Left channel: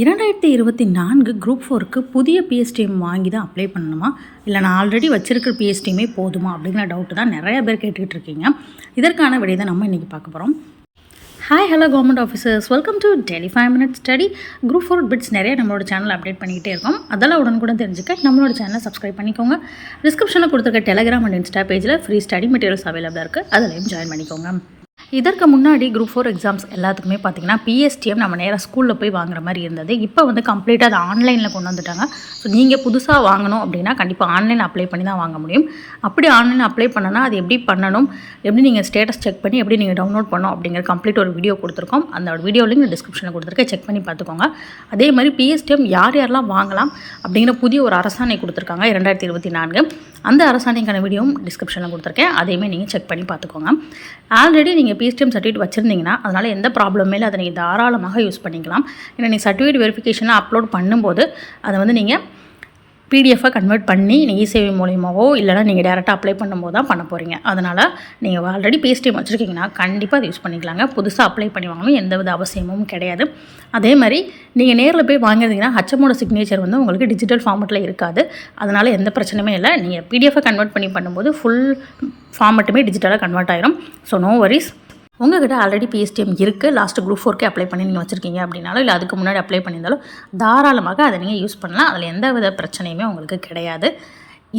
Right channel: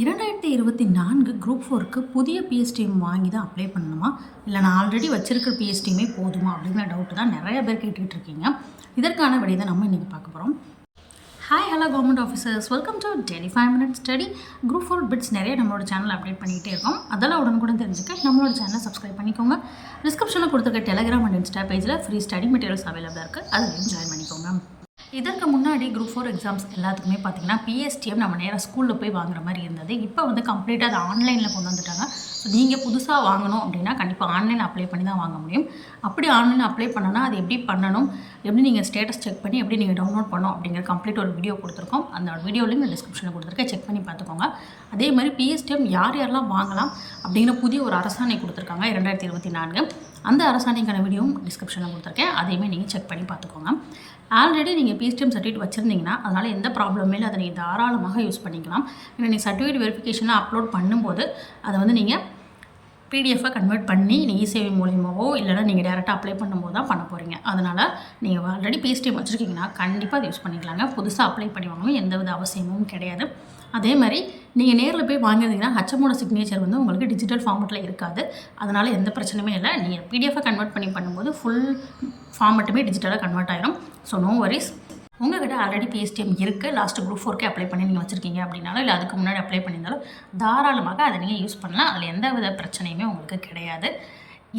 2024 group 4க்கு புதிய PSTM வாங்கி தான் அப்ளை பண்ணணுமா, இல்லை நான் ஆல்ரெடி வச்சிருக்கிற பிஎஸ்டிஎம்மே போதுமா அப்படிங்கிற டவுட்டு தான் நிறைய பேர் கேட்டுக்கிட்டு இருக்கீங்க. இதற்கான விடை தான் நம்ம இன்றைக்கி பார்க்க போகிறோம். Hi hello government officers, welcome to daily 5 minutes study. Group 4 bits நிறைய நம்மளோட சேனல் அப்டேட் பண்ணிக்கிட்டே இருக்கோம். அதெல்லாம் உடனுக்குடன் தெரிஞ்சுக்க நம்மளோட சேனலை சப்ஸ்கிரைப் பண்ணிக்கோங்க. டிஸ்கிரிப்ஷனில் கொடுத்துருக்க டெலிகிராம் அண்ட் இன்ஸ்டா பேஜில் ஃப்ரீ ஸ்டடி மெட்டீரியல்ஸ் அவைலபிளாக இருக்குது, அதிலையும் ஜாயின் பண்ணிக்கோங்க. இதற்கு முன்னாடி குரூப் 4 எக்ஸாம்ஸ் எல்லாத்துக்குமே பார்த்திங்கன்னா பிஎஸ்டிஎம் நம்ம நேராக ஸ்கூலில் போய் வாங்குற மாதிரி இருந்தது. இப்போ வந்து கம்ப்ளீட்டாக அதை ஆன்லைனில் கொண்டு வந்துட்டாங்க. ஸோ நீங்கள் புதுசாக வாங்கணும் அப்படின்னா கண்டிப்பாக ஆன்லைன் அப்ளை பண்ணி தான் வாங்க முடியும். அப்படி ஆன்லைன் அப்ளை பண்ணனா அது எப்படி பண்ணணும், எப்படி நீங்கள் ஸ்டேட்டஸ் செக் பண்ணி எப்படி நீங்கள் டவுன்லோட் பண்ணணும் அப்படிங்கிற கம்ப்ளீட் ஒரு வீடியோ கொடுத்துருக்கோம். அந்த வீடியோ லிங்க் டிஸ்கிரிப்ஷனில் கொடுத்துருக்கேன், செக் பண்ணி பார்த்துக்கோங்க. அதே மாதிரி பிஎஸ்டிஎம் யார் யாரெல்லாம் வாங்கலாம் அப்படிங்கிற புதிய ஒரு அரசாணை கொடுத்துருக்காங்க 2024. அந்த அரசாணைக்கான வீடியோவும் டிஸ்கிரிப்ஷனில் கொடுத்துருக்கேன், அதையுமே நீங்கள் செக் பண்ணி பார்த்துக்கோங்க. ஆல்ரெடி நீங்கள் பிஎஸ்டிஎம் சர்டிஃபிகேட் வச்சுருந்தீங்கன்னா அதனால் எந்த ப்ராப்ளமே இல்லை, அதை நீங்கள் தாராளமாக யூஸ் பண்ணிக்கலாம். ஏன்னா நீங்கள் சர்டிஃபிகேட் வெரிஃபிகேஷனாக அப்லோட் பண்ணும்போது அதை வந்து நீங்கள் பிடிஎஃபாக கன்வெர்ட் பண்ணி நீங்கள் இசேவை மூலியமாவோ இல்லைனா நீங்கள் டேரெக்டாக அப்ளை பண்ணும்போது தான் பண்ண போகிறீங்க. அதனால் நீங்கள் ஆல்ரெடி பிஎஸ்டிஎம் வச்சுருக்கீங்கன்னா கண்டிப்பாக அதை யூஸ் பண்ணிக்கலாங்க. புதுசாக அப்ளை பண்ணி வாங்கணும் எந்தவித அவசியமும் கிடையாது. அதே மாதிரி நீங்கள் நேரில் போய் வாங்கியிருந்தீங்கன்னா ஹச்எம்மோட சிக்னேச்சர் வந்து உங்களுக்கு டிஜிட்டல் ஃபார்மெட்டில் இருக்காது. அதனால் எந்த பிரச்சனையுமே இல்லை. நீங்கள் பிடிஎஃபாக கன்வெர்ட் பண்ணி பண்ணும்போது ஃபுல் ஃபார்மெட்டுமே டிஜிட்டலாக கன்வெர்ட் ஆகிடும். So no worries. உங்கள்கிட்ட ஆல்ரெடி பிஎஸ்டிஎம் இருக்குது, லாஸ்ட்டு குரூப் 4 அப்ளை பண்ணி நீங்கள் வச்சுருக்கீங்க அப்படின்னாலும் இல்லை அதுக்கு முன்னாடி அப்ளை பண்ணியிருந்தாலும் தாராளமாக அதை நீங்கள் யூஸ் பண்ணலாம். அதில் எந்த வித பிரச்சனையுமே உங்களுக்கு கிடையாது.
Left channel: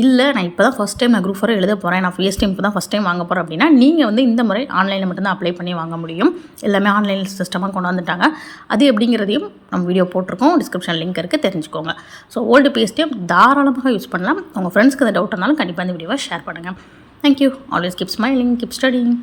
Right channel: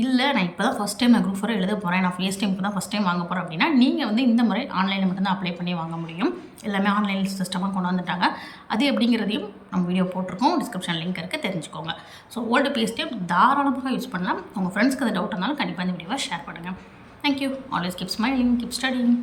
இல்லை நான் இப்போ தான் ஃபஸ்ட் டைம் நான் குரூப் 4 எழுத போகிறேன், நான் பிஎஸ்டிஎம் இப்போ தான் ஃபஸ்ட் டைம் வாங்க போகிறேன் அப்படின்னா நீங்கள் வந்து இந்த முறை ஆன்லைனில் மட்டும்தான் அப்ளை பண்ணி வாங்க முடியும். எல்லாமே ஆன்லைன் சிஸ்டமாக கொண்டு வந்துட்டாங்க. அது எப்படிங்கிறதையும் நம்ம வீடியோ போட்டிருக்கோம், டிஸ்கிரிப்ஷன் லிங்க் இருக்குது, தெரிஞ்சுக்கோங்க. ஸோ ஓல்டு பிஎஸ்டிஎம் தாராளமாக யூஸ் பண்ணலாம். உங்கள் ஃப்ரெண்ட்ஸ்க்கு அந்த டவுட் இருந்தாலும் கண்டிப்பாக இந்த வீடியோவை ஷேர் பண்ணுங்கள். Thank you. Always keep smiling, keep studying.